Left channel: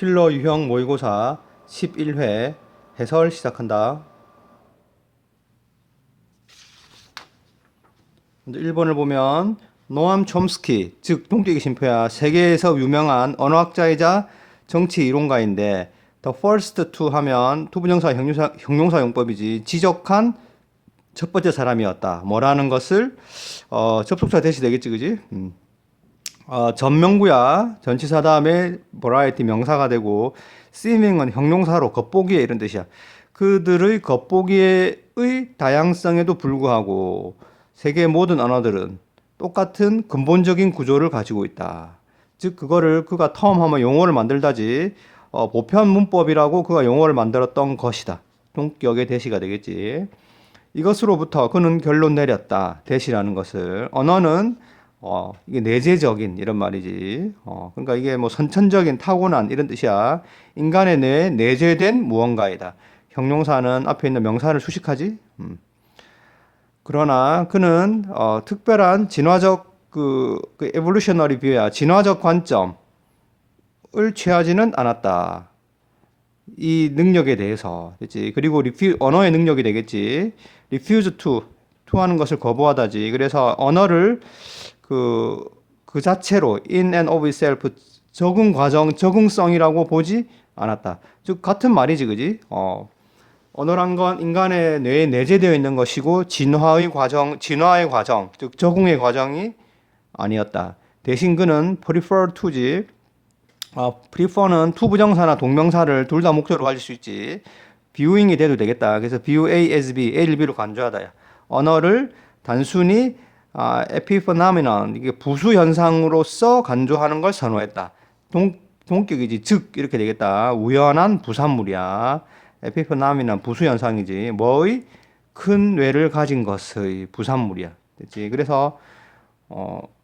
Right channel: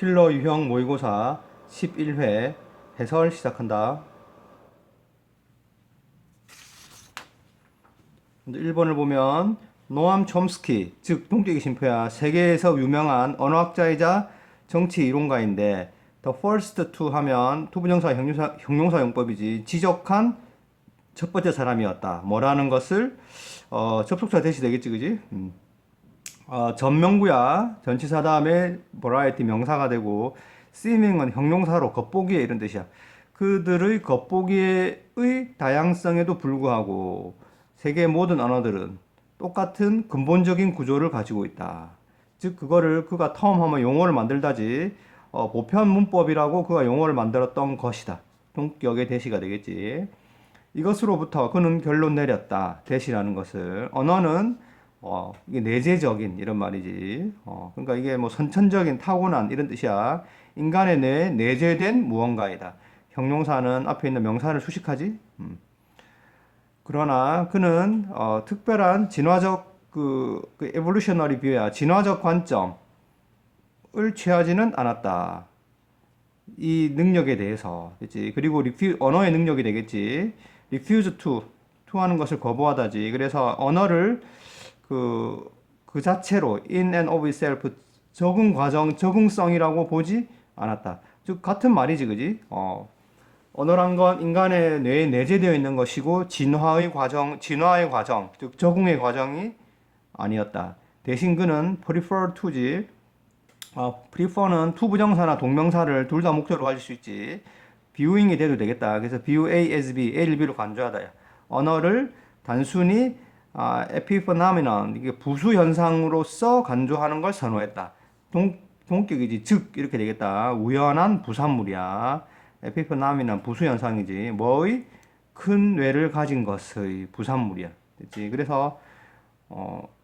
킬러 유형 모의고사 11회 해설 시작한다. 먼저 1번을 보면 노암 촘스키, 즉 동격의 신표야. 세계에서 유명한 언어학자이자 정치 이론가인데 the first to 하면 투부정사 형용사 용법이지. 지적한 첫 번째 사람이었다. 뭐라는 것을 접속사 대시 되겠지, 그지? 전명구야. 전치사 다음에 variety 명사가 되고 seeming은 형용사로 겉보기에 이런 뜻이야. 그들의 겉보기의 다양성에도 불구하고 세계 모든 언어들은 똑같은 근본적인 구조를 가지고 있다. 즉 그거를 그가 텀하면 용어를 만들다지 보편 문법이라고 그가 용어를 만들었던 것이다. 동격의 대시가 되겠지. 이것으로부터 그는 결론 내렸다. 대시라는 것을. 언어는 이게 내재적인 이런 말이지. 그러니까 이게 뭐 선천적인 타고난 이런 뜻이야. 인간의 뇌에 내재된 무언가이다. 형용사는 앞에 있는 명사를 수식하지. 그러나 그는 특별한 진화적 그 에볼루셔너리 뷰야. 진화적 관점을 취하지는 않았다. 이 능력에 대해서, 그렇지? 그리고 언어의 능력이 되겠지. refuse to 하는 것을 거부하다지. 그래서 언어를 그 자체로 in and of itself 적응성이라고 보지 않았다. 즉 같은 말이지, 그지? 언어란 건 인간의 뇌에 내재되어 있는 것이고 진화의 과정, 즉 적응의 과정이 아니었다. 대신 그는 prefer to지. prefer는 to 부정사나 동명사를 둘 다 목적으로 가질 수 있지. viewing이 돼도 되겠다. 그래서 view A as B, A를 B로 간주하다. 언어를 단순히 epiphenomenon, 이게 부수 현상으로서 간주하는 걸 선호했다. 동격이지. 즉 이렇게 되겠다. 우연한 부산물이야. epiphenomenon 부수 현상이지. 뭐의 큰 뇌를 가진 것의 부산물이야. 됐지? 그래서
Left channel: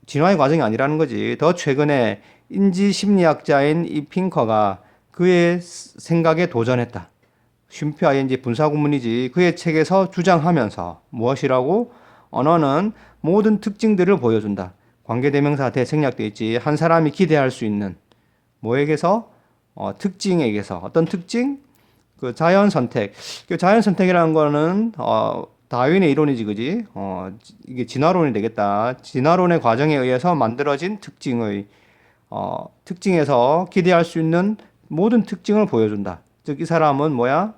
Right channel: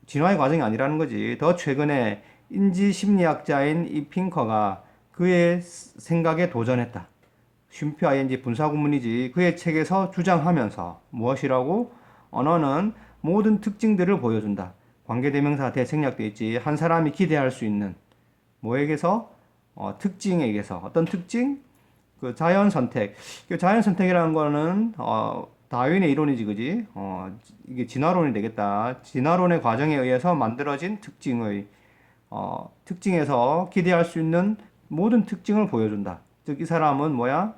진화의 과정이 아니라는 거지. 더 최근에 인지 심리학자인 이 핑커가 그의 생각에 도전했다. 쉼표 ing 분사 구문이지. 그의 책에서 주장하면서 무엇이라고? 언어는 모든 특징들을 보여준다. 관계대명사 대생략돼 있지. 한 사람이 기대할 수 있는 뭐에게서? 특징에게서. 어떤 특징? 그 자연 선택. 그 자연 선택이라는 거는 다윈의 이론이지, 그지? 이게 진화론이 되겠다. 진화론의 과정에 의해서 만들어진 특징에서 기대할 수 있는 모든 특징을 보여준다. 즉, 이 사람은 뭐야?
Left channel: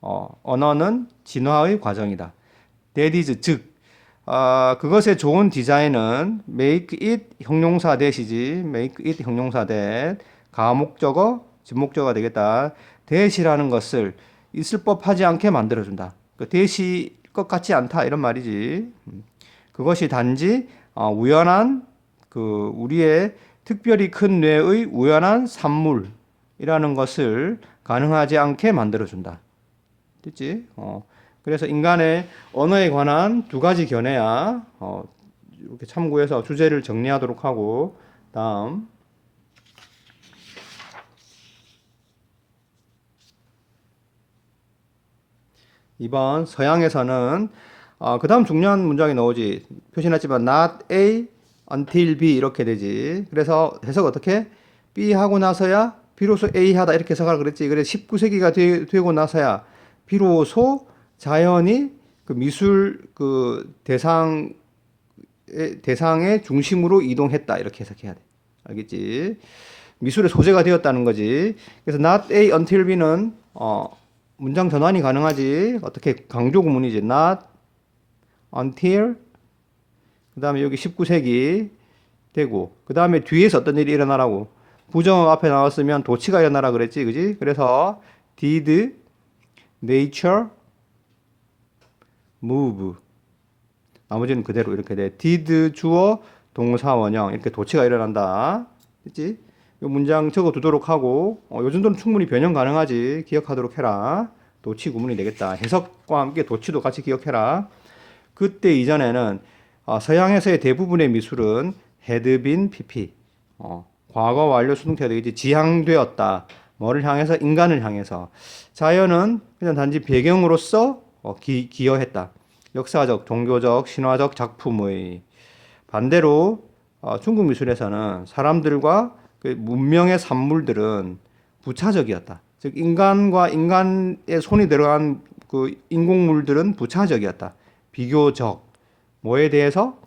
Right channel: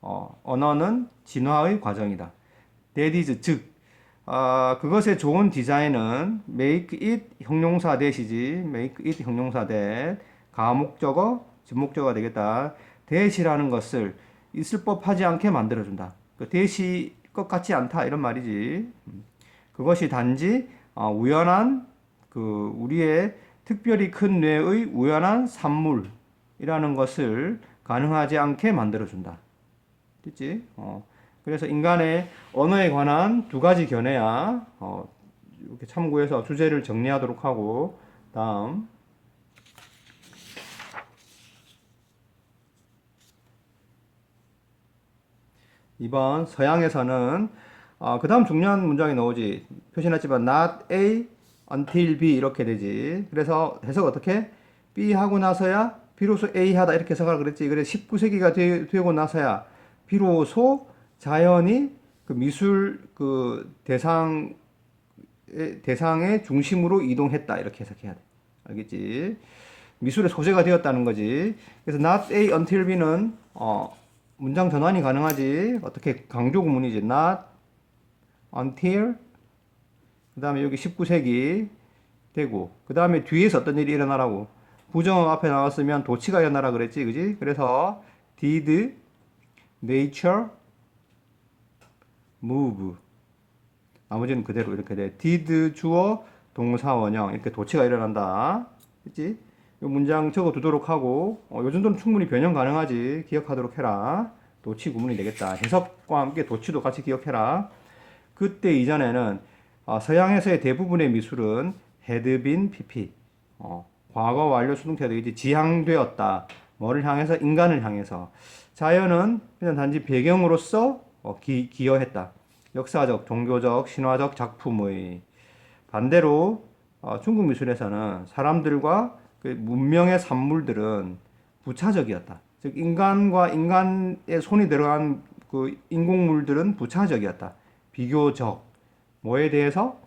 언어는 진화의 과정이다. That is, 즉, 그것의 좋은 디자인은 make it 형용사 대시지. make it 형용사 대 가목적어, 진목적어가 되겠다. 대시라는 것을 있을 법하지 않게 만들어준다. 그 대시 것 같지 않다 이런 말이지. 그것이 단지 우연한 우리의 특별히 큰 뇌의 우연한 산물이라는 것을 가능하지 않게 만들어준다. 됐지? 그래서 인간의 언어에 관한 두 가지 견해야 이렇게 참고해서 주제를 정리하도록 하고 다음 2번 서양에서는 그 다음 중요한 문장이 나오지. 표시했지만 not A until B 이렇게 되지. 그래서 해석 어떻게? B 하고 나서야 비로소 A 하다 이렇게 해석하라 그랬지. 그래서 19세기가 되고 나서야 비로소 자연이 그 미술 대상의 중심으로 이동했다 이렇게 해석해야 돼. 알겠지? 미술의 소재가 되었다는 거지. 그래서 not A until B는 문장 전환이 가능하지. 어떻게 강조 구문이지. not until 그 다음에 여기 19세기 되고 그 다음에 뒤에서 어떤 일이 일어나라고 부정 앞에 나왔으면 도치가 일어나라 그랬지, 그지? 그래서 did nature move 나머지는 그대로 이렇게 돼. did 주어 동사 원형 이렇게 도치가 일어난다, 그치? 이 문장 적어 두도록 하고 요 정도는 충분히 변형 가능하지. 기억하도록 해라. 도치 구문이 되겠다. 해석과 함께 도치도 같이 기억해라. 그때 이전에는 서양에서의 대부분의 미술은 had been pp 과거 완료 수동태가 되겠지. 지향되었다. 뭐를 향해서? 인간을 향해서. 자연은 그냥 단지 배경으로서 기여했다. 역사적, 종교적, 신화적 작품의. 반대로 중국 미술에서는 사람들과 그 문명의 산물들은 부차적이었다. 즉 인간과 인간의 손이 들어간 그 인공물들은 부차적이었다. 비교적 뭐에 대해서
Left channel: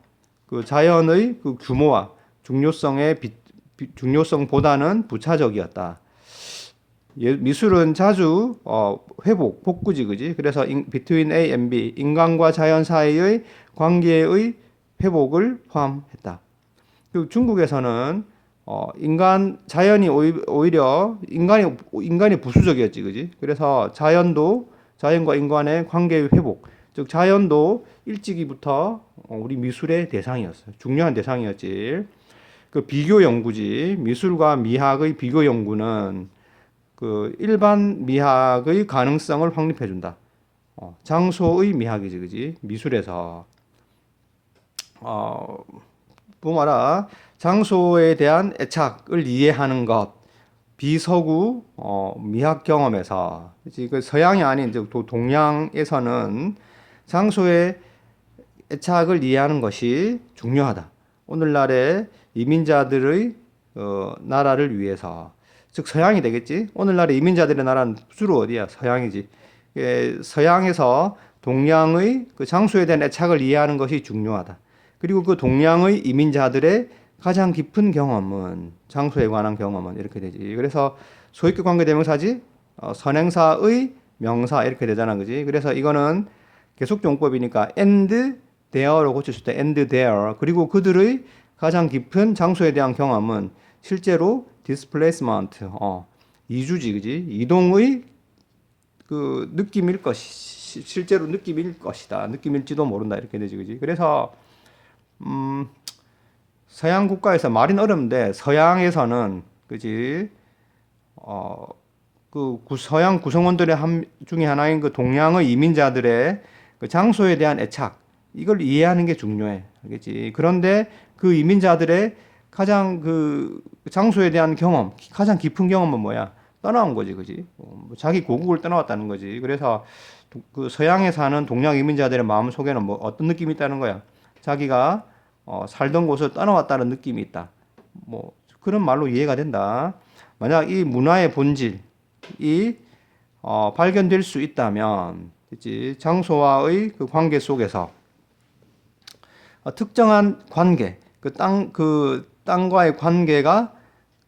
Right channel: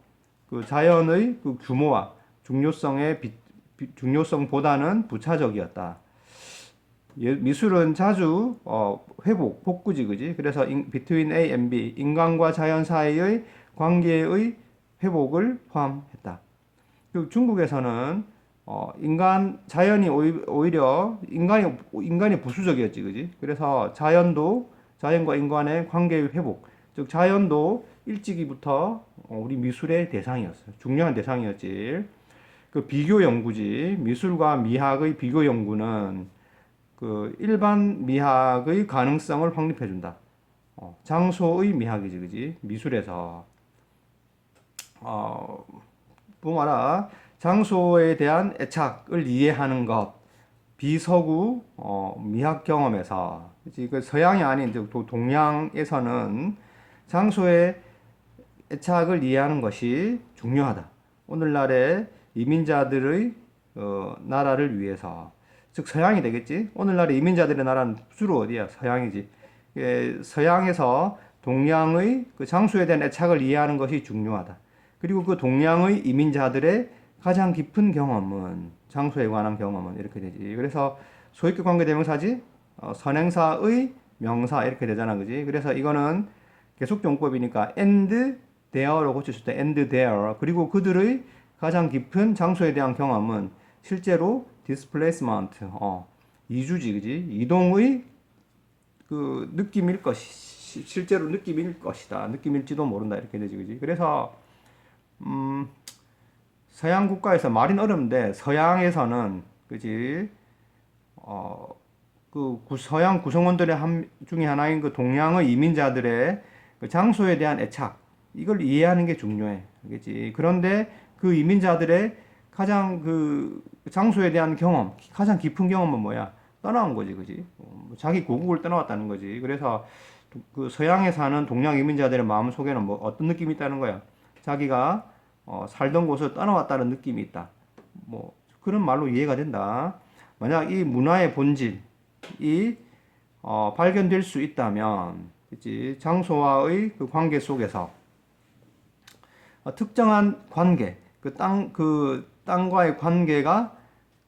그 자연의 그 규모와 중요성보다는 부차적이었다. 미술은 자주 회복, 복구지, 그지? 그래서 between A and B, 인간과 자연 사이의 관계의 회복을 포함했다. 그리고 중국에서는 자연이 오히려 인간이 부수적이었지, 그지? 그래서 자연과 인간의 관계의 회복, 즉 자연도 일찍이부터 우리 미술의 대상이었어. 중요한 대상이었지. 그 비교 연구지. 미술과 미학의 비교 연구는 그 일반 미학의 가능성을 확립해 준다. 장소의 미학이지, 그지? 미술에서 뭐마라 장소에 대한 애착을 이해하는 것, 비서구 미학 경험에서, 그치? 그 서양이 아닌 이제 동양에서는 장소의 애착을 이해하는 것이 중요하다. 오늘날의 이민자들의 나라를 위해서, 즉 서양이 되겠지. 오늘날의 이민자들의 나라는 주로 어디야? 서양이지. 서양에서 동양의 그 장소에 대한 애착을 이해하는 것이 중요하다. 그리고 그 동양의 이민자들의 가장 깊은 경험은, 장소에 관한 경험은 이렇게 되지. 그래서 소위격 관계 대명사지, 선행사의 명사 이렇게 되잖아, 그지? 그래서 이거는 계속용법이니까 and there로 고쳤을 때 and there. 그리고 그들의 가장 깊은 장소에 대한 경험은 실제로 displacement, 이주지, 그지? 이동의 그 느낌일 것이, 실제로 느낌일 것이다. 느낌일지도 모른다. 이렇게 되지, 그지? 그래서 서양 국가에서 말은 어렵는데 서양에서는, 그지? 서양 구성원들의 중에 하나인 그 동양의 이민자들의 그 장소에 대한 애착, 이걸 이해하는 게 중요해. 알겠지? 그런데 그 이민자들의 가장 그 장소에 대한 경험, 가장 깊은 경험은 뭐야? 떠나온 거지, 그지? 자기 고국을 떠나왔다는 거지. 그래서 그 서양에 사는 동양 이민자들의 마음 속에는 뭐 어떤 느낌이 있다는 거야? 자기가 살던 곳을 떠나왔다는 느낌이 있다. 뭐 그런 말로 이해가 된다. 만약 이 문화의 본질이 발견될 수 있다면, 그치? 장소와의 그 관계 속에서 특정한 관계, 그 땅과의 관계가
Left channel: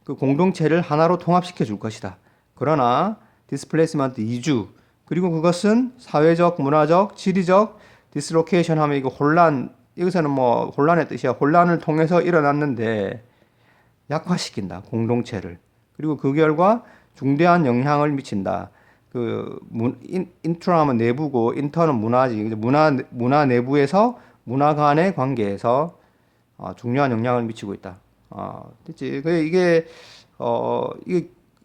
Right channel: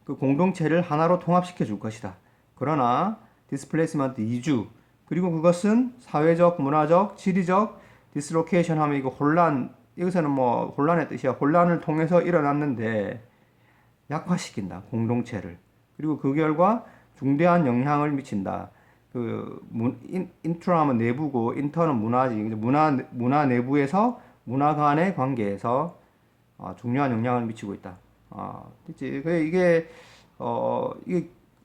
그 공동체를 하나로 통합시켜 줄 것이다. 그러나 디스플레이스먼트 이주, 그리고 그것은 사회적, 문화적, 지리적 디스로케이션 하면 이거 혼란, 여기서는 뭐 혼란의 뜻이야. 혼란을 통해서 일어났는데 약화시킨다, 공동체를. 그리고 그 결과 중대한 영향을 미친다. 인트라는 내부고 인터는 문화지. 문화 내부에서 문화 간의 관계에서 중요한 영향을 미치고 있다. 됐지?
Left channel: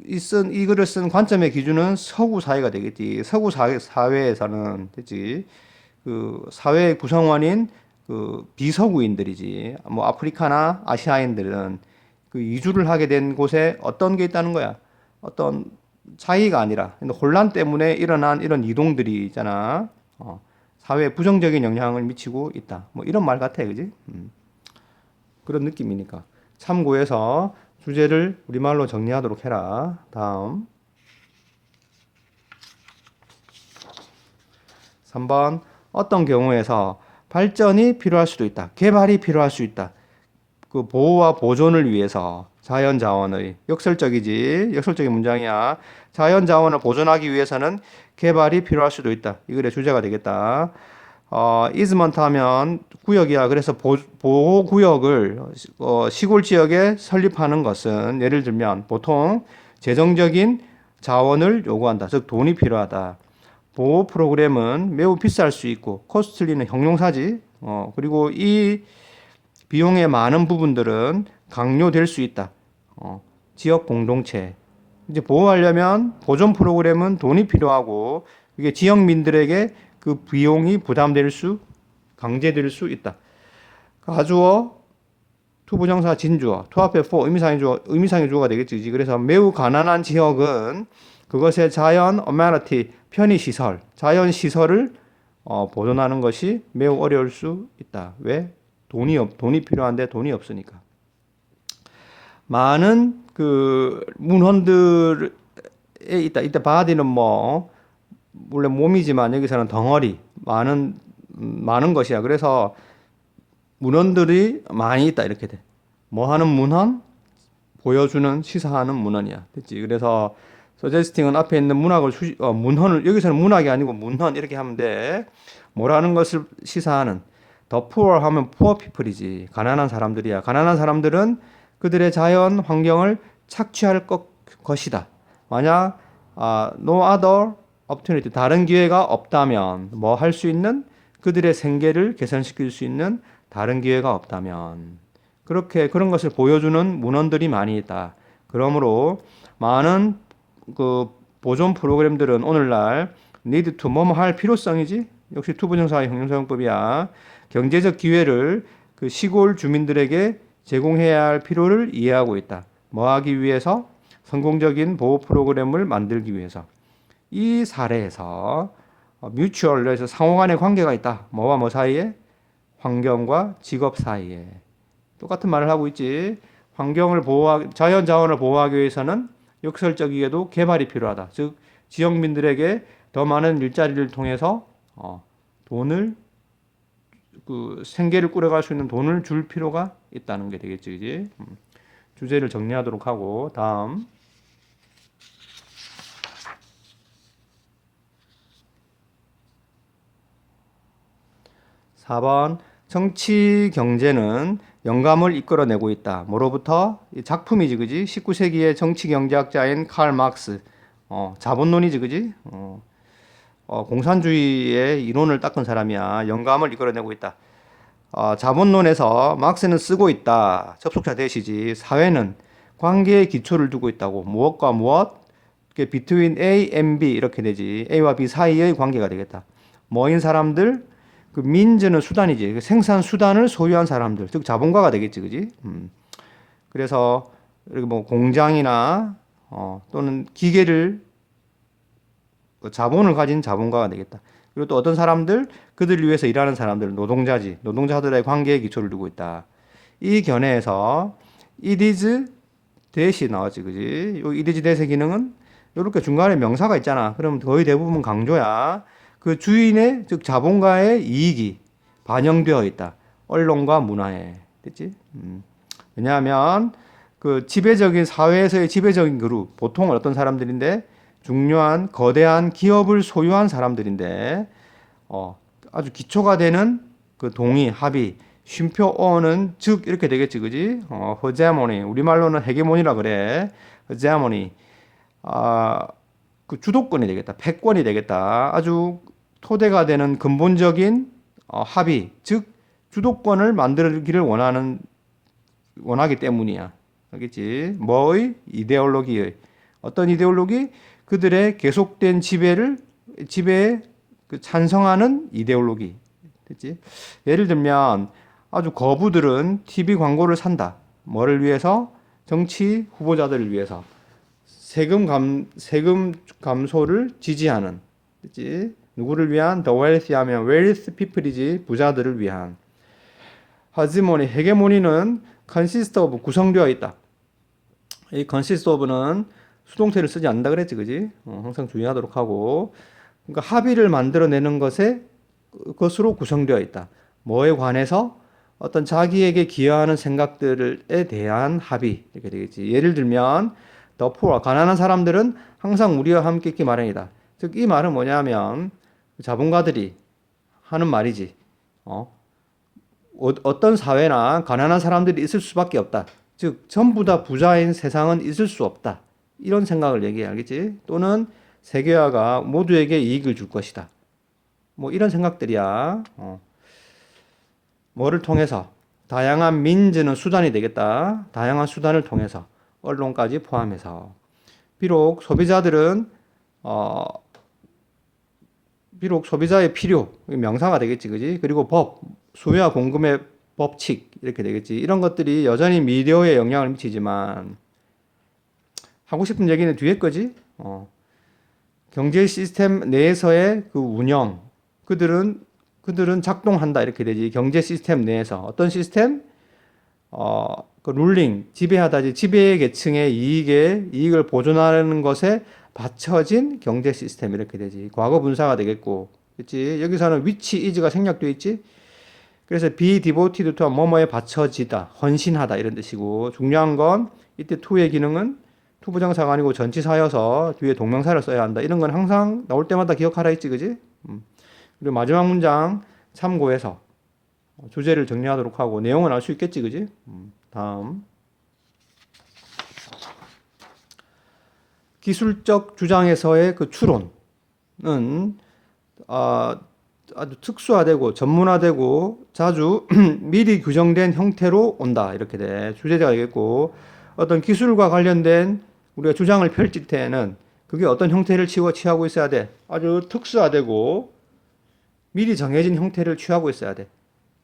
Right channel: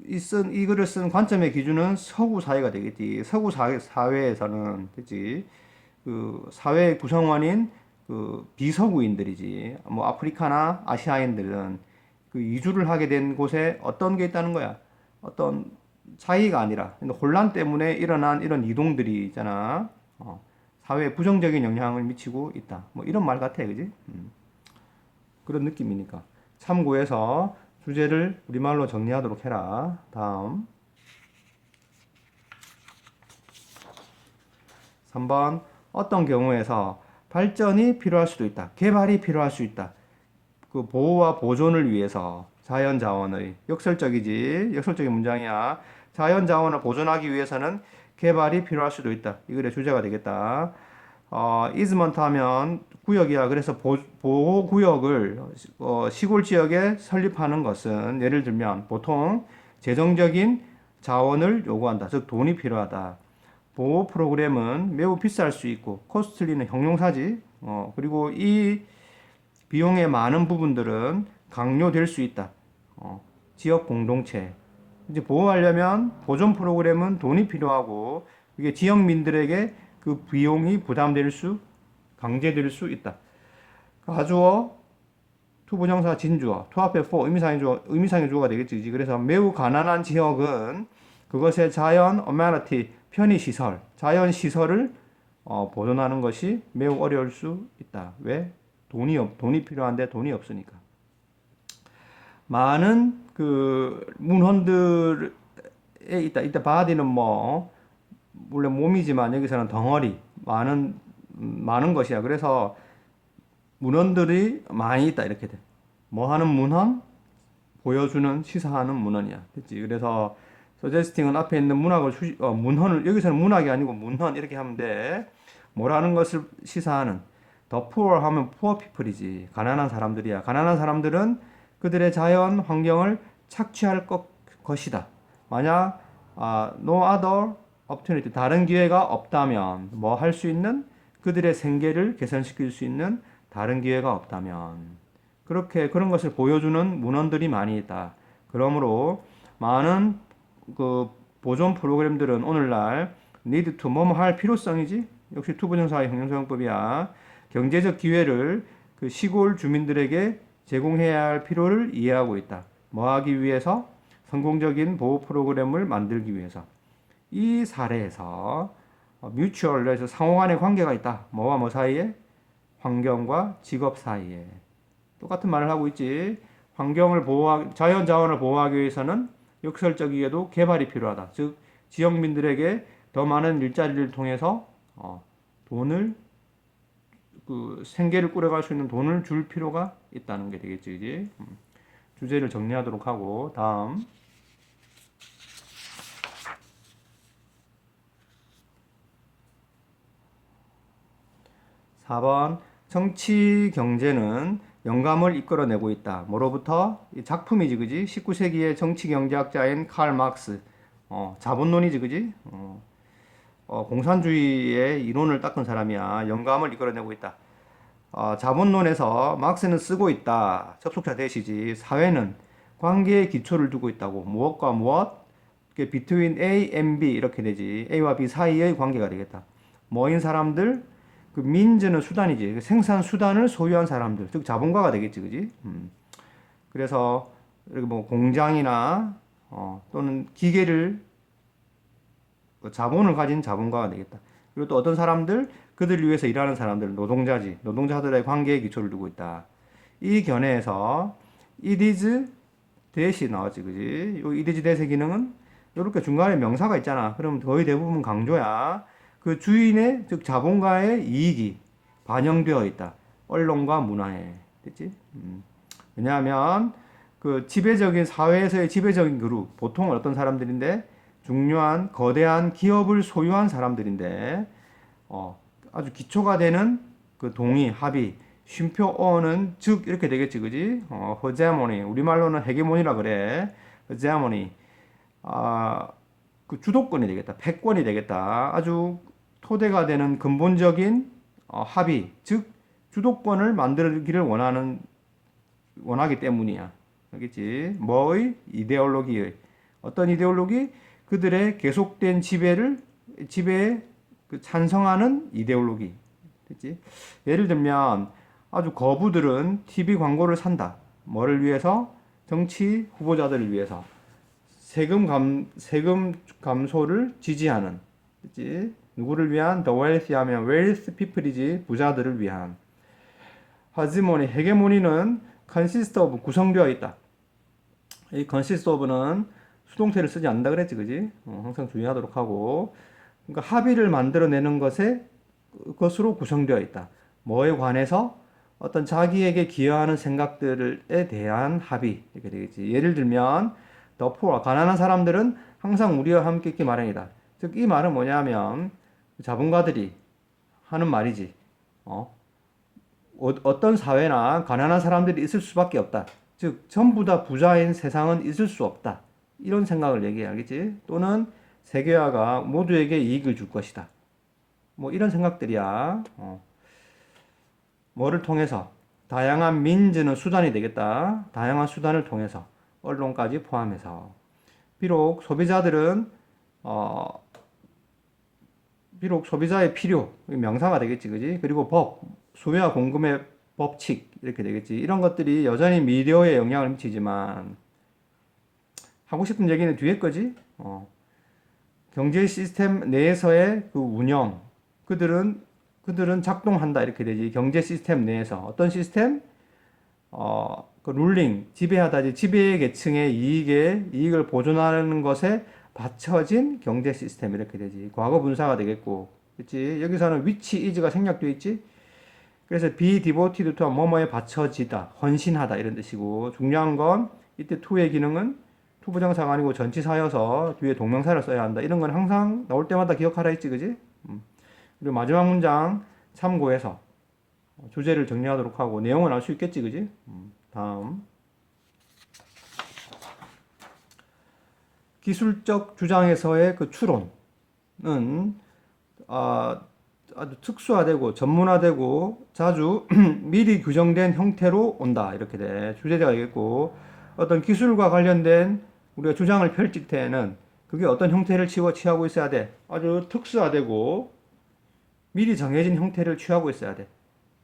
이 글을 쓴 관점의 기준은 서구 사회가 되겠지. 서구 사회에서는, 됐지? 그 사회 구성원인 그 비서구인들이지. 뭐 아프리카나 아시아인들은 그 이주를 하게 된 곳에 어떤 게 있다는 거야. 어떤 차이가 아니라 혼란 때문에 일어난 이런 이동들이 있잖아. 사회에 부정적인 영향을 미치고 있다. 뭐 이런 말 같아, 그지? 그런 느낌이니까. 참고해서 주제를 우리말로 정리하도록 해라. 다음 3번, 어떤 경우에서 발전이 필요할 수도 있다. 개발이 필요할 수 있다. 그 보호와 보존을 위해서 자연 자원의, 역설적인 문장이야. 자연 자원을 보존하기 위해서는 개발이 필요할 수도 있다. 이 글의 주제가 되겠다. 이즈먼트 하면 구역이야. 그래서 보호 구역을 시골 지역에 설립하는 것은, 예를 들면 보통 재정적인 자원을 요구한다. 즉 돈이 필요하다. 보호 프로그램은 매우 비쌀 수 있고, 코스틀리는 형용사지. 그리고 이 비용의 많은 부분들은 강요될 수 있다. 지역 공동체. 이제 보호하려면 보존 프로그램은 돈이 필요하고, 이게 지역민들에게 그 비용이 강제될 수 있다. 가주어, 투부정사 진주어, 투 앞에 for 의미상의 주어가 되겠지. 그래서 매우 가난한 지역은 그것의 자연 어메니티, 편의시설, 자연 시설을 보존하는 것이 매우 어려울 수 있다. 왜? 돈이 필요한데 돈이 없으니까. 많은 그 문헌들의 있다. 이때 body는 뭐 원래 몸이지만 여기서는 덩어리 많은 것이야. 그래서 문헌들이 많이 있다 이렇게 돼. 뭐 하는 문헌? 보여주는 시사하는 문헌이야. 됐지? 그래서 suggesting은 앞에 있는 문헌을 여기서는 문학이 아니고 문헌 이렇게 하면 돼. 뭐라는 것을 시사하는. The poor 하면 poor people이지. 가난한 사람들이야. 가난한 사람들은 그들의 자연 환경을 착취할 것이다. 만약 no other opportunity 다른 기회가 없다면 뭐 할 수 있는 그들의 생계를 개선시킬 수 있는 다른 기회가 없다면 그렇게 그런 것을 보여주는 문헌들이 많이 있다. 그러므로 많은 그 보존 프로그램들은 오늘날 need to 뭐뭐 할 필요성이지. 역시 투부정사의 형용사용법이야. 경제적 기회를 그 시골 주민들에게 제공해야 할 필요를 이해하고 있다. 뭐 하기 위해서? 성공적인 보호 프로그램을 만들기 위해서. 이 사례에서 뮤추얼에서 상호간의 관계가 있다. 뭐와 뭐 사이에? 환경과 직업 사이에. 똑같은 말을 하고 있지. 자연 자원을 보호하기 위해서는 역설적이게도 개발이 필요하다. 즉, 지역민들에게 더 많은 일자리를 통해서 돈을 생계를 꾸려갈 수 있는 돈을 줄 필요가 있다는 게 되겠지, 그지? 주제를 정리하도록 하고 다음 4번 정치 경제는 영감을 이끌어내고 있다. 뭐로부터? 작품이지, 그지? 19세기의 정치 경제학자인 칼 막스. 자본론이지, 그지? 공산주의의 이론을 닦은 사람이야. 영감을 이끌어내고 있다. 자본론에서 막스는 쓰고 있다. 접속사 대시지. 사회는 관계의 기초를 두고 있다고. 무엇과 무엇? between A and B 이렇게 되지. A와 B 사이의 관계가 되겠다. 뭐인 사람들? 그 민즈는 수단이지. 그 생산 수단을 소유한 사람들, 즉 자본가가 되겠지, 그지? 그래서 이렇게 뭐 공장이나 또는 기계를 자본을 가진 자본가가 되겠다. 그리고 또 어떤 사람들, 그들을 위해서 일하는 사람들, 노동자지. 노동자들의 관계에 기초를 두고 있다. 이 견해에서 it is that이 나왔지, 그지? 이 it is that의 기능은 이렇게 중간에 명사가 있잖아. 그럼 거의 대부분 강조야. 그 주인의, 즉 자본가의 이익이 반영되어 있다. 언론과 문화에. 됐지? 왜냐하면 그 지배적인 사회에서의 지배적인 그룹, 보통은 어떤 사람들인데 중요한 거대한 기업을 소유한 사람들인데 아주 기초가 되는 그 동의, 합의, 쉼표 어는 즉 이렇게 되겠지, 그지? 허제모니, 우리말로는 헤게모니라 그래. 허제모니, 그 주도권이 되겠다, 패권이 되겠다. 아주 토대가 되는 근본적인 합의, 즉 주도권을 만들기를 원하기 때문이야. 알겠지? 뭐의? 이데올로기의. 어떤 이데올로기? 그들의 계속된 지배에 찬성하는 이데올로기. 됐지? 예를 들면 아주 거부들은 TV 광고를 산다. 뭐를 위해서? 정치 후보자들을 위해서. 세금 감소를 지지하는. 됐지? 누구를 위한? The wealthy 하면 wealth people이지. 부자들을 위한. hegemony, 헤게모니는 consist of 구성되어 있다. 이 consist of는 수동태를 쓰지 않는다 그랬지, 그지? 항상 주의하도록 하고. 그러니까 합의를 만들어내는 것으로 구성되어 있다. 뭐에 관해서? 어떤 자기에게 기여하는 생각들에 대한 합의. 이렇게 되겠지. 예를 들면, the poor, 가난한 사람들은 항상 우리와 함께 있기 마련이다. 즉, 이 말은 뭐냐면, 자본가들이 하는 말이지. 어떤 사회나 가난한 사람들이 있을 수밖에 없다. 즉, 전부 다 부자인 세상은 있을 수 없다. 이런 생각을 얘기해, 알겠지? 또는 세계화가 모두에게 이익을 줄 것이다. 뭐 이런 생각들이야. 뭐를 통해서? 다양한 민즈는 수단이 되겠다. 다양한 수단을 통해서. 언론까지 포함해서. 비록 소비자의 필요, 명사가 되겠지, 그지? 그리고 법, 수요와 공급의 법칙, 이렇게 되겠지. 이런 것들이 여전히 미디어에 영향을 미치지만, 하고 싶은 얘기는 뒤에 거지? 경제 시스템 내에서의 그 운영, 그들은 작동한다, 이렇게 되지. 경제 시스템 내에서. 어떤 시스템? 그 룰링, 지배하다지. 지배 계층의 이익을 보존하는 것에 받쳐진 경제 시스템 이렇게 되지. 과거 분사가 되겠고, 그렇지? 여기서는 which is가 생략되어 있지. 그래서 be devoted to 뭐뭐에 받쳐지다, 헌신하다 이런 뜻이고, 중요한 건 이때 to의 기능은 투부정사가 아니고 전치사여서 뒤에 동명사를 써야 한다. 이런 건 항상 나올 때마다 기억하라 했지, 그지? 그리고 마지막 문장 참고해서 주제를 정리하도록 하고 내용은 알 수 있겠지, 그지? 다음 기술적 주장에서의 그 추론은 아주 특수화되고 전문화되고 자주 미리 규정된 형태로 온다 이렇게 돼 주제가 되겠고 어떤 기술과 관련된 우리가 주장을 펼칠 때에는 그게 어떤 형태를 취하고 있어야 돼 아주 특수화되고 미리 정해진 형태를 취하고 있어야 돼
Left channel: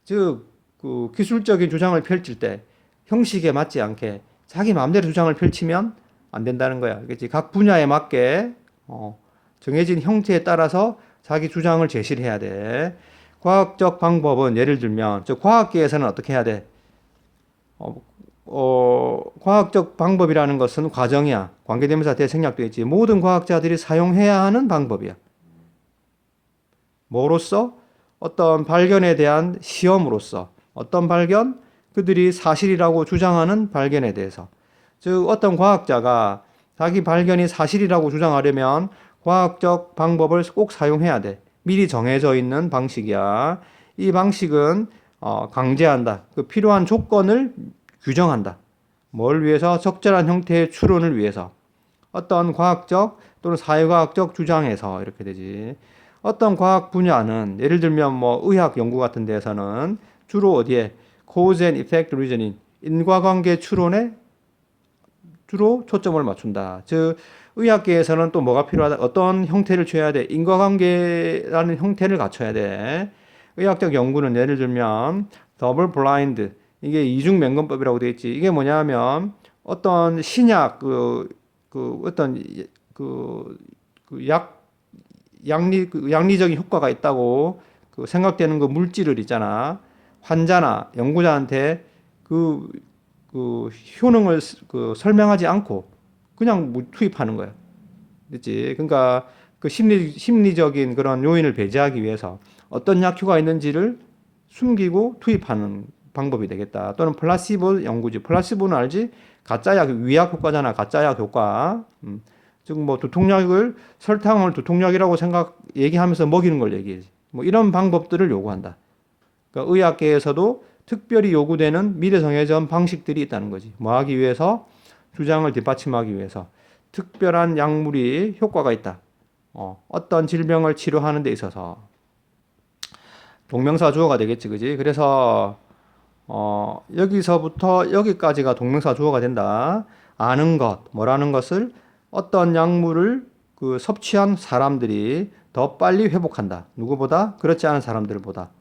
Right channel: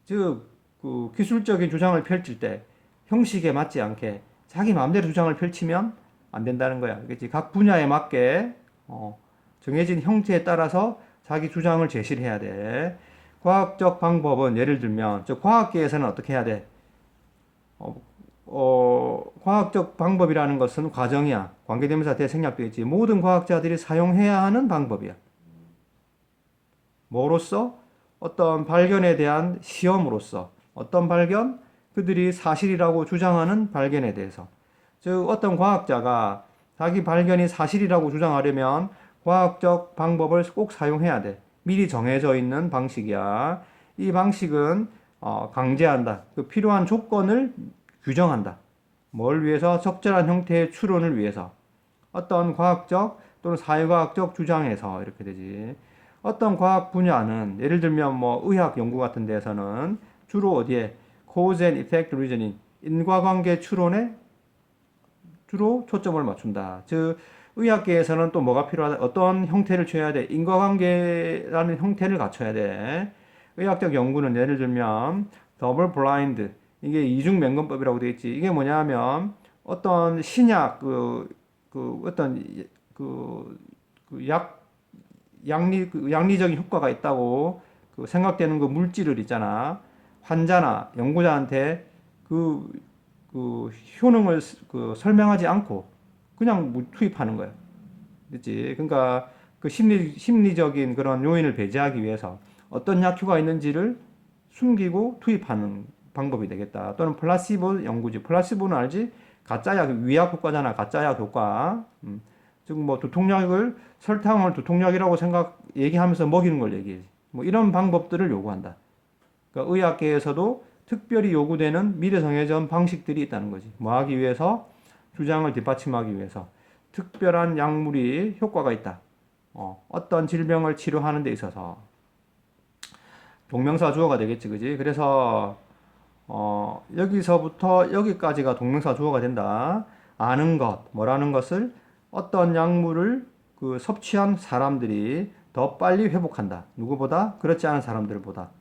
즉 그 기술적인 주장을 펼칠 때 형식에 맞지 않게 자기 마음대로 주장을 펼치면 안 된다는 거야. 그렇지? 각 분야에 맞게 정해진 형태에 따라서 자기 주장을 제시를 해야 돼. 과학적 방법은 예를 들면 저 과학계에서는 어떻게 해야 돼? 과학적 방법이라는 것은 과정이야. 관계대명사 대생략되어 있지. 모든 과학자들이 사용해야 하는 방법이야. 뭐로써? 어떤 발견에 대한 시험으로서 어떤 발견? 그들이 사실이라고 주장하는 발견에 대해서. 즉 어떤 과학자가 자기 발견이 사실이라고 주장하려면 과학적 방법을 꼭 사용해야 돼. 미리 정해져 있는 방식이야. 이 방식은 강제한다. 그 필요한 조건을 규정한다. 뭘 위해서? 적절한 형태의 추론을 위해서. 어떤 과학적 또는 사회과학적 주장에서 이렇게 되지. 어떤 과학 분야는 예를 들면 뭐 의학 연구 같은 데에서는 주로 어디에 cause and effect reasoning 인과관계 추론에 주로 초점을 맞춘다. 즉 의학계에서는 또 뭐가 필요하다. 어떤 형태를 취해야 돼. 인과관계라는 형태를 갖춰야 돼. 의학적 연구는 예를 들면 더블 블라인드 이게 이중맹금법이라고 되어 있지. 이게 뭐냐면 어떤 신약 어떤 약 양리적인 효과가 있다고 생각되는 그 물질을 있잖아. 환자나 연구자한테 그 효능을 설명하지 않고 그냥 투입하는 거야. 그렇지? 그러니까 그 심리적인 그런 요인을 배제하기 위해서 어떤 약효가 있는지를 숨기고 투입하는 방법이 되겠다. 또는 플라시보 연구지. 플라시보는 알지? 가짜 약, 위약 효과잖아. 가짜 약 효과. 즉, 뭐, 두통약을, 설탕을 두통약이라고 얘기하면서 먹이는 걸 얘기해. 뭐, 이런 방법들을 요구한다. 그러니까 의학계에서도 특별히 요구되는 미리 정해진 방식들이 있다는 거지. 뭐 하기 위해서? 주장을 뒷받침하기 위해서. 특별한 약물이 효과가 있다. 어떤 질병을 치료하는 데 있어서. 동명사 주어가 되겠지, 그지? 그래서, 여기서부터 여기까지가 동명사 주어가 된다. 아는 것, 뭐라는 것을 어떤 약물을 섭취한 사람들이 더 빨리 회복한다. 누구보다? 그렇지 않은 사람들보다.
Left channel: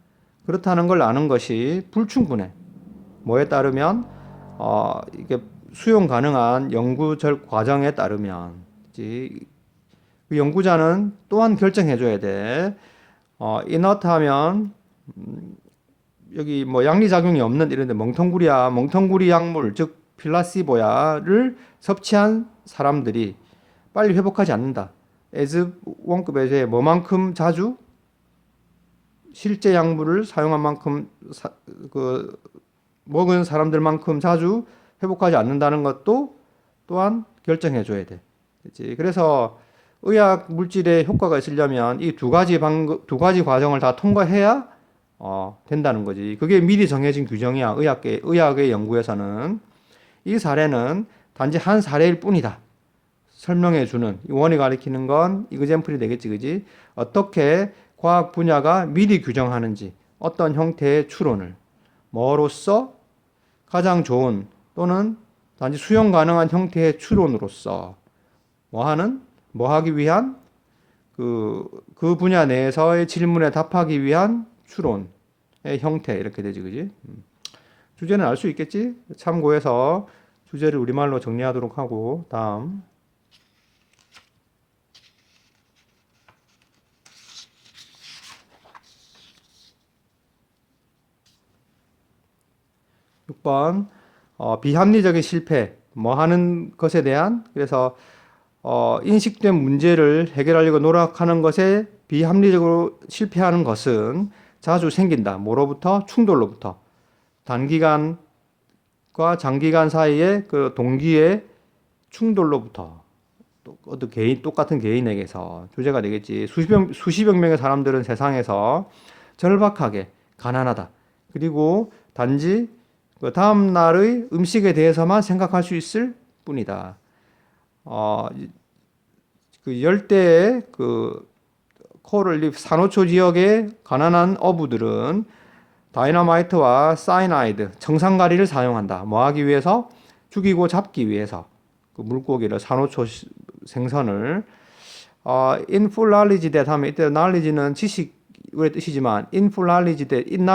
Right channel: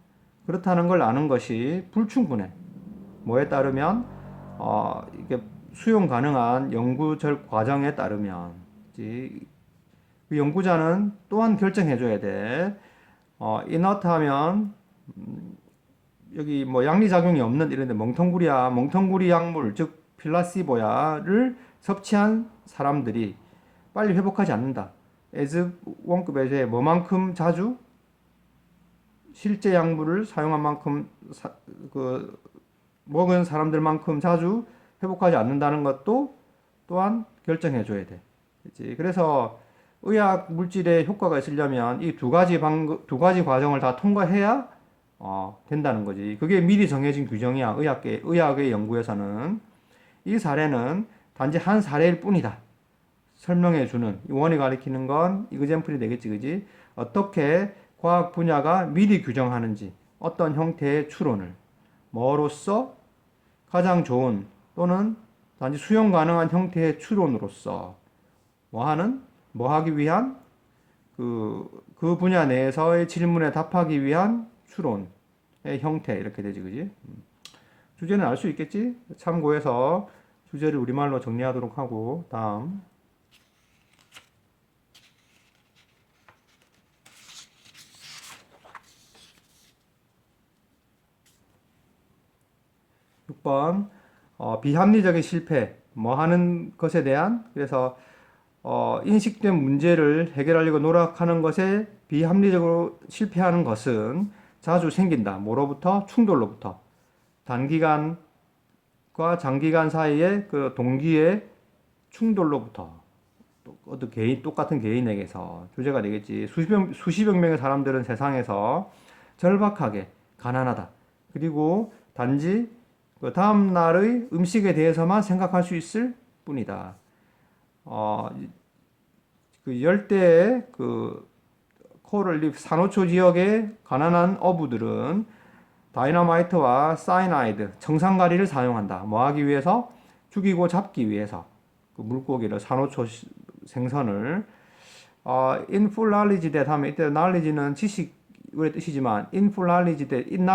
그렇다는 걸 아는 것이 불충분해. 뭐에 따르면 이게 수용 가능한 연구 과정에 따르면 그 연구자는 또한 결정해줘야 돼. 이너트하면 여기 뭐 양리작용이 없는 이런데 멍텅구리야, 멍텅구리 약물 즉 필라시보야를 섭취한 사람들이 빨리 회복하지 않는다. as 원급에서 뭐만큼 자주 실제 약물을 사용한 만큼 먹은 사람들만큼 자주 회복하지 않는다는 것도 또한 결정해 줘야 돼. 그렇지? 그래서 의학 물질의 효과가 있으려면 이 두 가지 과정을 다 통과해야 된다는 거지. 그게 미리 정해진 규정이야. 의학의 연구에서는 이 사례는 단지 한 사례일 뿐이다. 설명해 주는 원이 가리키는 건 이그젠플이 되겠지, 그지? 어떻게 과학 분야가 미리 규정하는지 어떤 형태의 추론을 뭐로써 가장 좋은 또는 단지 수용 가능한 형태의 추론으로서 뭐 하기 위한 그 분야 내에서의 질문에 답하기 위한 추론의 형태 이렇게 되지, 그지? 주제는 알 수 있겠지? 참고해서 주제를 우리말로 정리하도록 하고 다음 6번 비합리적인 실패 뭐 하는 것에 대한 그래서 인식된 문제를 해결하려고 노력하는 것에 비합리적으로 실패하는 것은 자주 생긴다. 뭐로부터? 충돌로부터. 단기간과 장기간 사이의 그 동기의 충돌로부터. 어떤 개인, 똑같은 개인에게서 주제가 되겠지. 수십억 명의 사람들은 세상에서 절박하게 가난하다. 그리고 단지 그 다음 날의 음식에 대해서만 생각할 수 있을 뿐이다. 어, 그 열대의 그 코럴립 산호초 지역의 가난한 어부들은 다이너마이트와 사이나이드, 청산가리를 사용한다. 뭐 하기 위해서? 죽이고 잡기 위해서. 그 물고기를, 산호초 생선을. in full knowledge that 하면, 이때 knowledge는 지식의 뜻이지만, in full knowledge that, in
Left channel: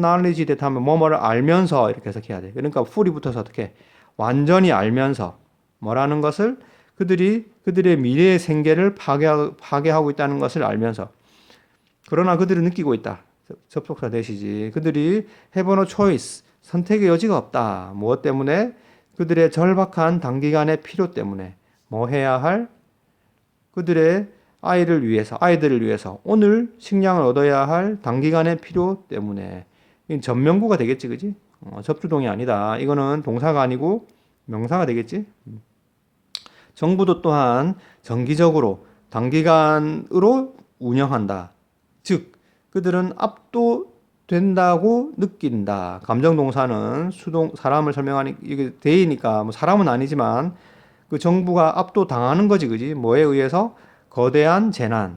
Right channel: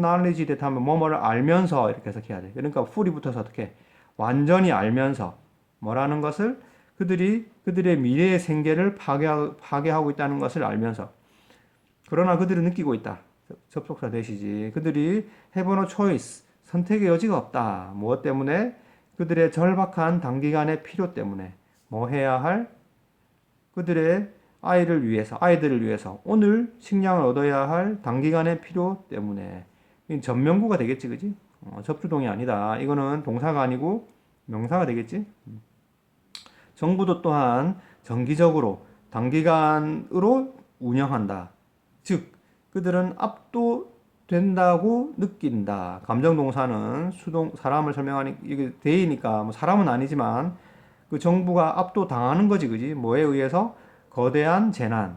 knowledge that 하면 뭐뭐를 알면서 이렇게 해석해야 돼. 그러니까 full이 붙어서 어떻게? 완전히 알면서. 뭐라는 것을 그들의 미래의 생계를 파괴하고 있다는 것을 알면서. 그러나 그들은 느끼고 있다. 접속사 대시지. 그들이 have no choice. 선택의 여지가 없다. 무엇 때문에? 그들의 절박한 단기간의 필요 때문에. 뭐 해야 할? 그들의 아이들을 위해서 오늘 식량을 얻어야 할 단기간의 필요 때문에. 전명구가 되겠지, 그지? 접주동이 아니다. 이거는 동사가 아니고 명사가 되겠지? 정부도 또한 정기적으로 단기간으로 운영한다. 즉, 그들은 압도된다고 느낀다. 감정동사는 사람을 설명하니, 이게 대이니까, 뭐 사람은 아니지만, 그 정부가 압도당하는 거지, 그지? 뭐에 의해서? 거대한 재난에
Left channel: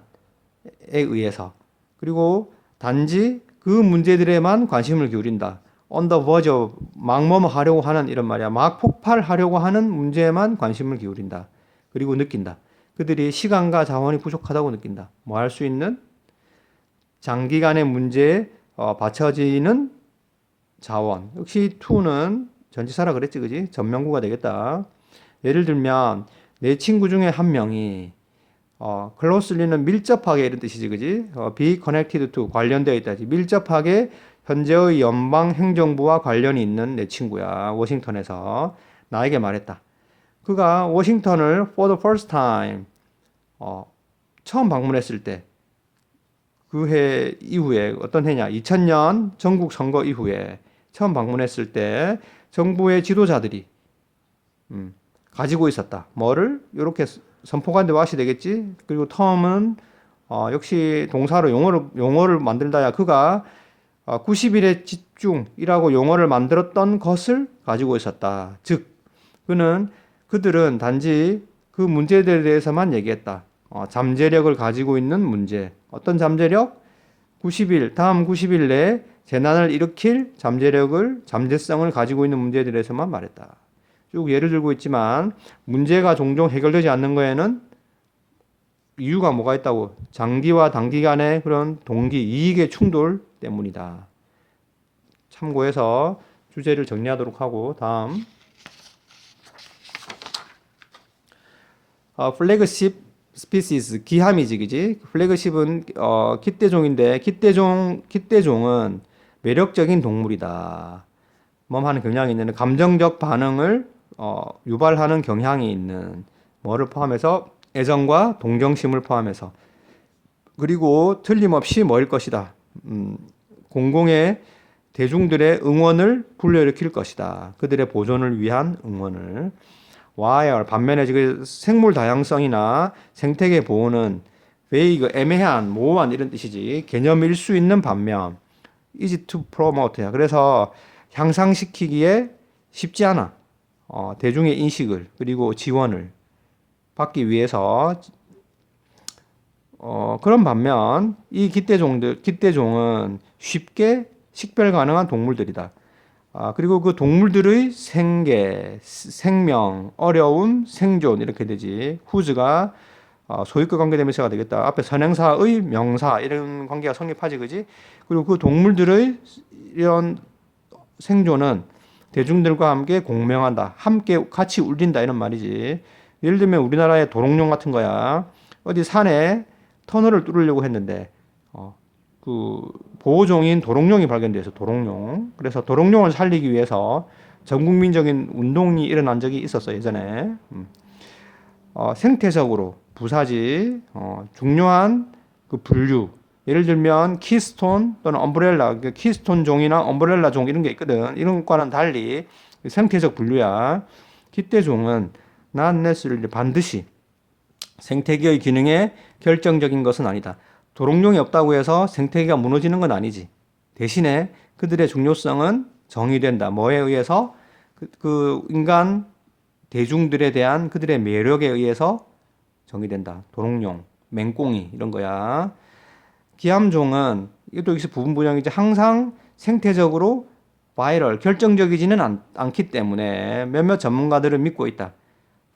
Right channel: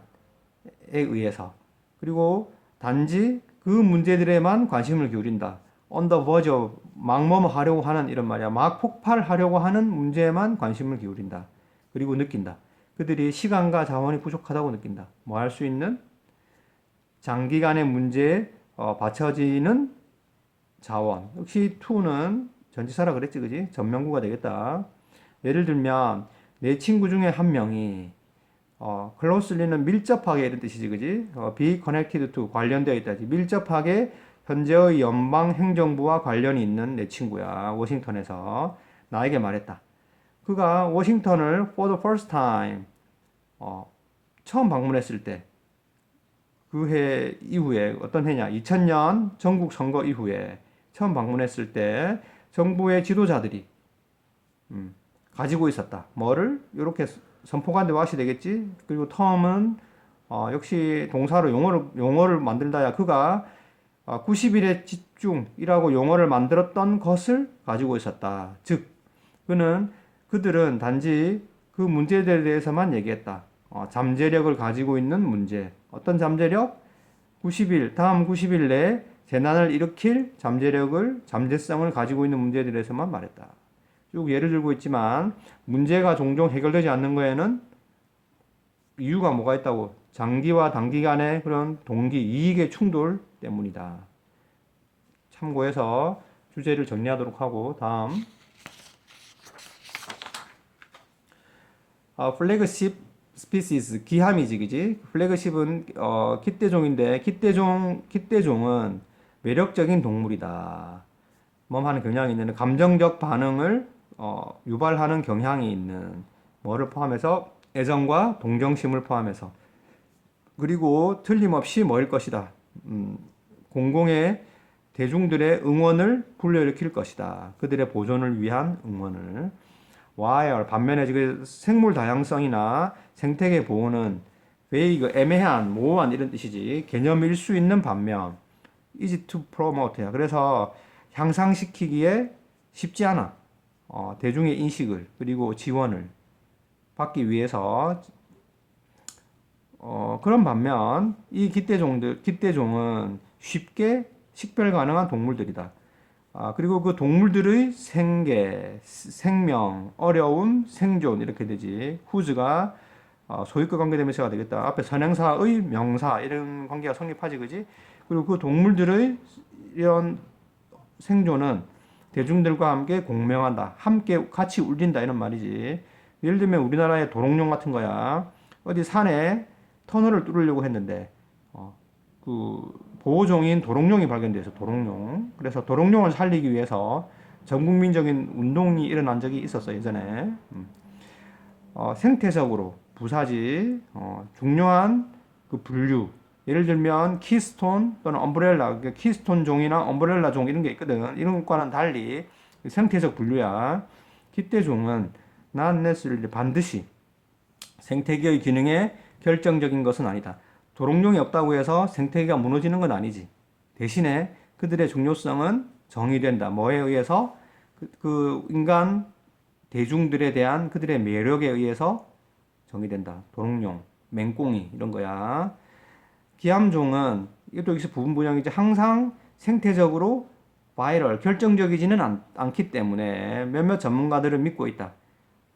의해서. 그리고 단지 그 문제들에만 관심을 기울인다. on the verge of, 막뭐뭐 하려고 하는, 이런 말이야. 막 폭발하려고 하는 문제에만 관심을 기울인다. 그리고 느낀다. 그들이 시간과 자원이 부족하다고 느낀다. 뭐 할 수 있는? 장기간의 문제에 받쳐지는 자원. 역시 to는 전치사라 그랬지, 그지? 전명구가 되겠다. 예를 들면 내 친구 중에 한 명이 closely는 밀접하게 이런 뜻이지, 그지? be connected to, 관련되어 있다. 밀접하게 현재의 연방 행정부와 관련이 있는 내 친구야. 워싱턴에서 나에게 말했다. 그가 워싱턴을 for the first time 처음 방문했을 때, 그 해 이후에, 어떤 해냐? 2000년 전국 선거 이후에 처음 방문했을 때 정부의 지도자들이 가지고 있었다. 뭐를? 이렇게 선포관대 왁이 되겠지. 그리고 텀은 역시 동사로 용어를 만들다야. 그가 90일의 집중이라고 용어를 만들었던 것을 가지고 있었다. 즉, 그들은 단지 그 문제들에 대해서만 얘기했다. 잠재력을 가지고 있는 문제. 어떤 잠재력? 다음 90일 내에 재난을 일으킬 잠재성을 가지고 있는 문제들에 대해서만 말했다. 쭉 예를 들고 있지만, 문제가 종종 해결되지 않는 거에는 이유가 뭐가 있다고? 장기와 단기간의 그런 이익의 충돌 때문이다. 참고해서 주제를 정리하도록 하고, 다음. 플래그십 스피시스, 기함이지, 그지? 플래그십은 깃대종인데, 깃대종은 매력적인 동물이다. 하는 경향이 있는, 감정적 반응을 유발하는 경향이 있는, 뭐를 포함해서? 애정과 동정심을 포함해서. 그리고 틀림없이 뭐일 것이다. 공공의 대중들의 응원을 불러일으킬 것이다. 그들의 보존을 위한 응원을. while, 반면에 지금 생물 다양성이나 생태계 보호는 vague, 애매한, 모호한 이런 뜻이지. 개념일 수 있는 반면 easy to promote야. 그래서 향상시키기에 쉽지 않아. 대중의 인식을 그리고 지원을 받기 위해서. 그런 반면 이 깃대종은 쉽게 식별 가능한 동물들이다. 그리고 그 동물들의 생명, 어려움, 생존 이렇게 되지. whose가 소유격 관계대명사가 되겠다. 앞에 선행사의 명사 이런 관계가 성립하지, 그지? 그리고 그 동물들의 이런 생존은 대중들과 함께 공명한다. 함께 같이 울린다 이런 말이지. 예를 들면 우리나라의 도롱뇽 같은 거야. 어디 산에 터널을 뚫으려고 했는데 그 보호종인 도롱뇽이 발견돼서 도롱뇽. 그래서 도롱뇽을 살리기 위해서 전국민적인 운동이 일어난 적이 있었어, 예전에. 생태적으로 부사지 중요한 그 분류 예를 들면 키스톤 또는 엄브렐라 키스톤 종이나 엄브렐라 종 이런 게 있거든. 이런 것과는 달리 생태적 분류야. 기대종은 not necessarily 반드시 생태계의 기능에 결정적인 것은 아니다. 도롱뇽이 없다고 해서 생태계가 무너지는 건 아니지. 대신에 그들의 중요성은 정의된다. 뭐에 의해서? 그 인간 대중들에 대한 그들의 매력에 의해서 정의된다. 도롱뇽, 맹꽁이 이런 거야. 기암종은 이것도 여기서 부분 분양이지 항상 생태적으로 바이럴 결정적이지는 않기 때문에 몇몇 전문가들은 믿고 있다.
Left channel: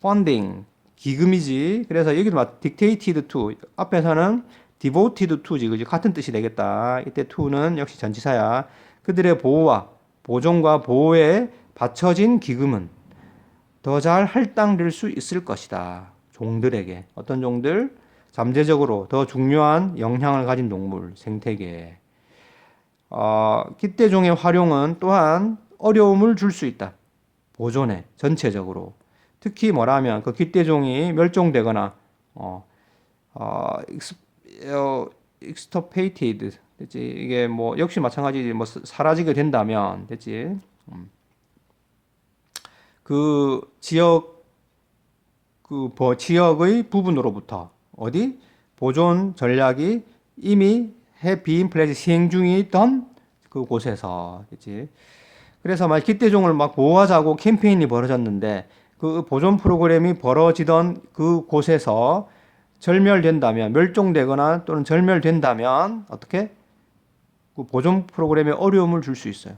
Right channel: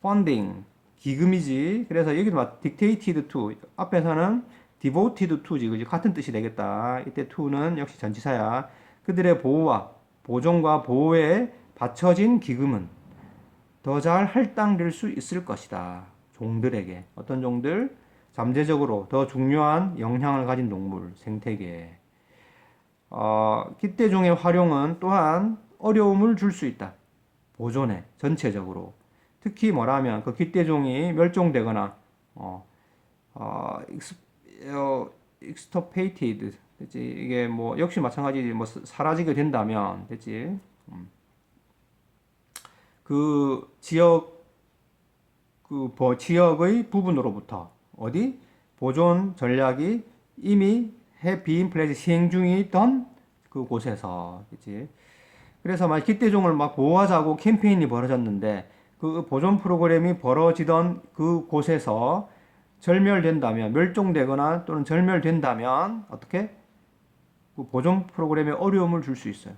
펀딩 기금이지. 그래서 여기도 막 dictated to 앞에서는 devoted to지 그지 같은 뜻이 되겠다. 이때 to는 역시 전치사야. 그들의 보호와 보존과 보호에 바쳐진 기금은 더 잘 할당될 수 있을 것이다. 종들에게 어떤 종들 잠재적으로 더 중요한 영향을 가진 동물 생태계에 기대종의 활용은 또한 어려움을 줄 수 있다. 보존에 전체적으로 특히 뭐라면 그 기대종이 멸종되거나 extirpated 됐지 이게 뭐 역시 마찬가지 뭐 사라지게 된다면 됐지 그 지역 지역의 부분으로부터 어디 보존 전략이 이미 비인 플레이즈 시행 중이던 그 곳에서 그렇지. 그래서 막 기대종을 막 보호하자고 캠페인이 벌어졌는데 그 보존 프로그램이 벌어지던 그 곳에서 절멸된다면 멸종되거나 또는 절멸된다면 어떻게 그 보존 프로그램에 어려움을 줄 수 있어요.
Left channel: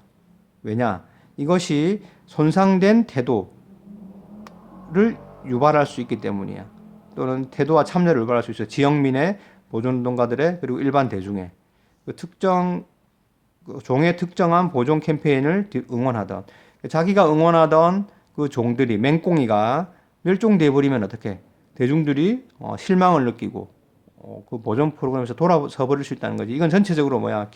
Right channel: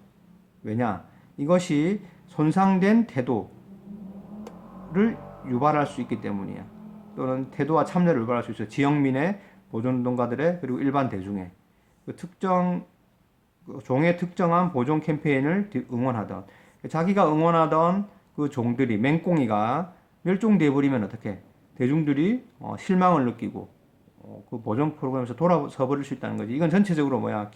왜냐? 이것이 손상된 태도를 유발할 수 있기 때문이야. 또는 태도와 참여를 유발할 수 있어요. 지역민의 보존운동가들의 그리고 일반 대중의 그 특정 종의 특정한 보존 캠페인을 응원하던 자기가 응원하던 그 종들이 맹꽁이가 멸종돼 버리면 어떻게 대중들이 실망을 느끼고 그 보존 프로그램에서 돌아서 버릴 수 있다는 거지. 이건 전체적으로 뭐야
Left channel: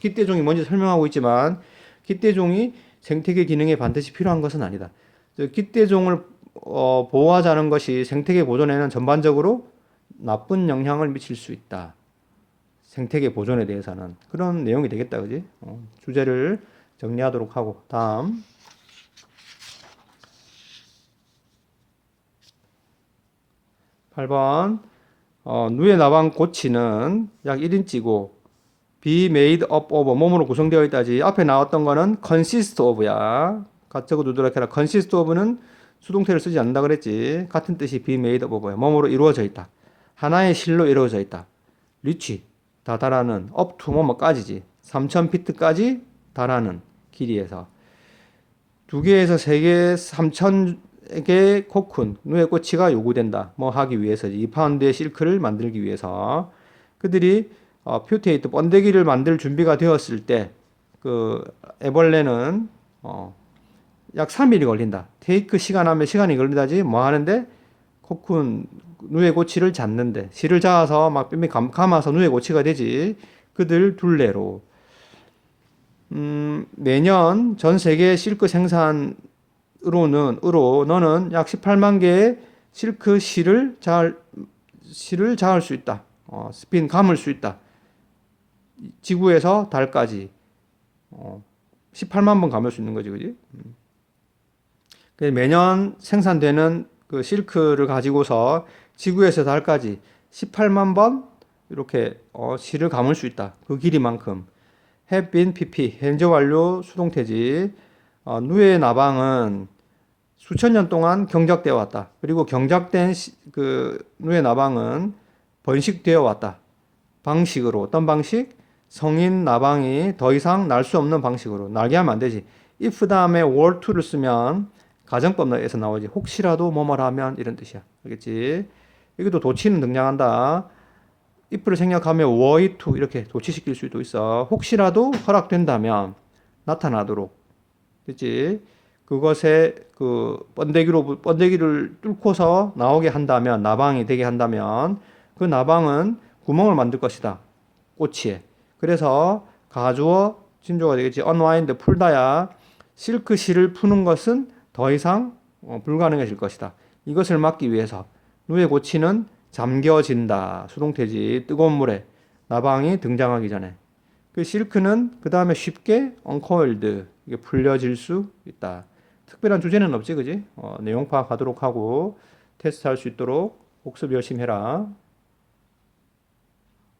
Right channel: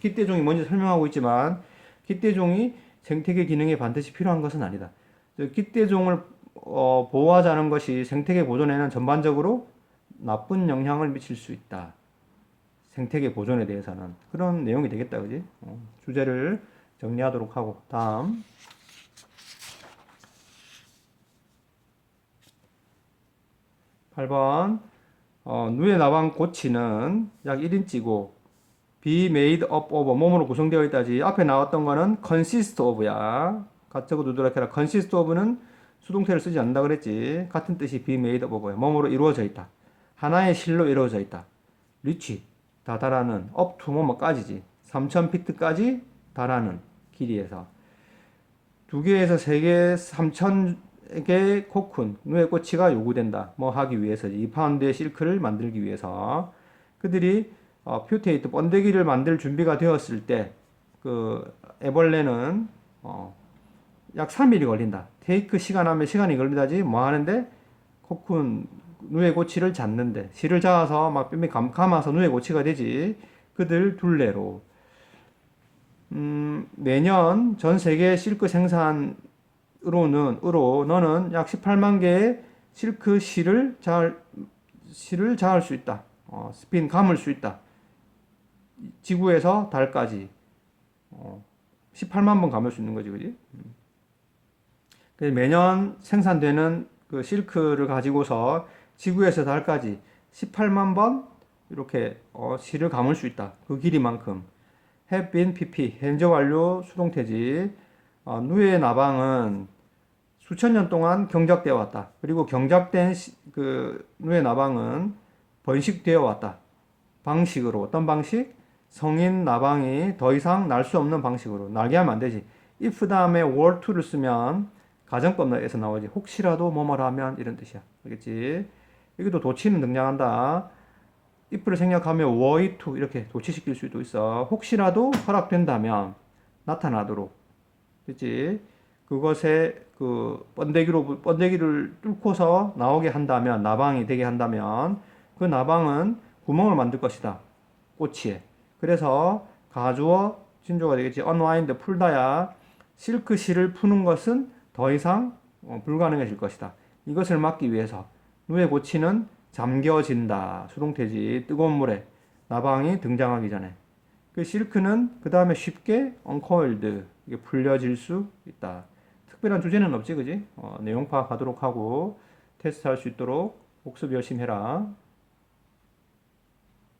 기대종이 먼저 설명하고 있지만 기대종이 생태계 기능에 반드시 필요한 것은 아니다. 기대종을 보호하자는 것이 생태계 보존에는 전반적으로 나쁜 영향을 미칠 수 있다. 생태계 보존에 대해서는 그런 내용이 되겠다, 그지? 주제를 정리하도록 하고 다음 8번 누에 나방 고치는 약 1인치고 be made up of 몸으로 구성되어 있다지. 앞에 나왔던 거는 consist of야. 가짜고 누드라케라 consist of는 수동태를 쓰지 않는다 그랬지. 같은 뜻이 be made up of야. 몸으로 이루어져 있다. 하나의 실로 이루어져 있다. reach 다다라는 up to 뭐뭐까지지. 3000피트까지 달하는 길이에서 2개에서 3개 3000개 코쿤 누에 꼬치가 요구된다. 뭐 하기 위해서 2파운드의 실크를 만들기 위해서 그들이 퓨테이트 번데기를 만들 준비가 되었을 때 그 애벌레는 약 3일이 걸린다. 테이크 시간 하면 시간이 걸린다지 뭐 하는데 코쿤 누에 고치를 잡는데 실을 잡아서 막 뼈미 감아서 누에 고치가 되지. 그들 둘레로 매년 전 세계 실크 생산으로는 너는 약 18만 개의 실크 실을 자을 수 있다. 스핀 감을 수 있다. 지구에서 달까지 18만 번 감을 수 있는 거지, 그지? 매년 생산되는 그 실크를 가지고서 지구에서 달까지 18만 번 이렇게 실을 감을 수 있다. 그 길이만큼. have been pp 현재 완료 수동태지. 누에 나방은 수천 년 동안 경작되어 왔다. 그리고 경작된 그 누에 나방은 번식되어 왔다. 방식으로 어떤 방식? 성인 나방이 더 이상 날 수 없는 방식으로 날게 하면 안 되지. if 다음에 were to를 쓰면 가정법에서 나오지. 혹시라도 뭐뭐 하면 이런 뜻이야. 알겠지? 여기도 도치는 등장한다. if를 생략하면 were to 이렇게 도치시킬 수도 있어. 혹시라도 허락된다면 나타나도록. 그치? 그것에 그 번데기를 뚫고서 나오게 한다면 나방이 되게 한다면 그 나방은 구멍을 만들 것이다. 꼬치에. 그래서 가주어 진조가 되겠지. unwind 풀다야 실크 실을 푸는 것은 더 이상 불가능해질 것이다. 이것을 막기 위해서 누에 고치는 잠겨진다. 수동태지. 뜨거운 물에 나방이 등장하기 전에. 그 실크는 그 다음에 쉽게 uncoiled 이게 풀려질 수 있다. 특별한 주제는 없지, 그지? 내용 파악하도록 하고 테스트할 수 있도록 복습 열심히 해라.